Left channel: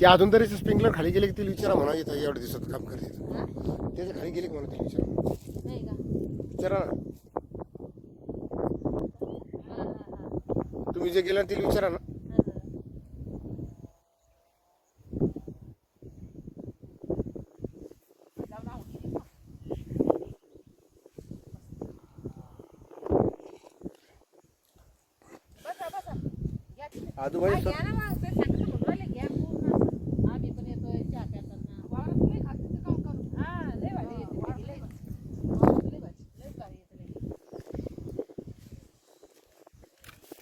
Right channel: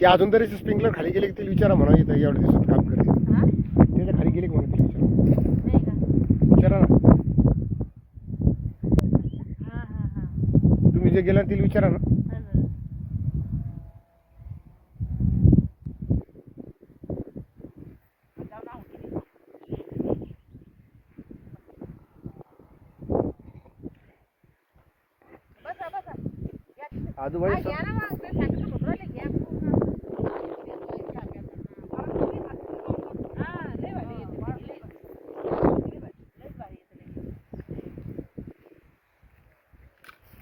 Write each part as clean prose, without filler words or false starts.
ते अजून तरी स्प्रिंकलर खाली गेले की ते विचारा म्हणा इथं एवढ्या दिवसात काम करायचं त्याच्या खाली गेले की म्हणा ते विचारा नाही का? विचारा ना तुम्ही जे गेला ते विचारा ना आजूबाजू घ्या ना मग ते सांगितलं होतं राहिले घ्या पूर्ण आधी पण येतो चहा करताना मला तुम्ही खाते हा लय भारी येते लय भारी लय भारी येते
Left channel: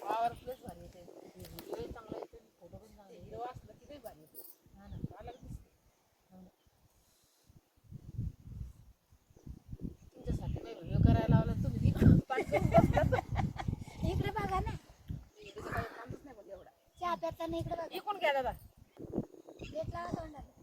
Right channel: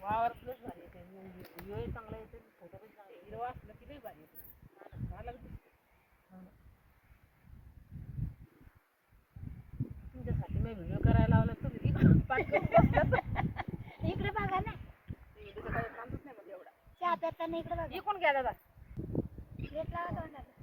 वावर लय भारी येते व्हिडिओ चांगला येते फोटो पण चांगले हिरवा असला की लय भारी येते हा ना मला दिसते हो ना तुमच्यासाठी मी व्हिडिओ करायला लावला तुम्ही तिकडे पाठ करून बसलात इकडे बघा ना व्हिडिओचं काही कामच नाही म्हणजे एवढा चहा प्याताना इकडे बघा इकडून घ्या दादा प्लेट लावा तोंडाला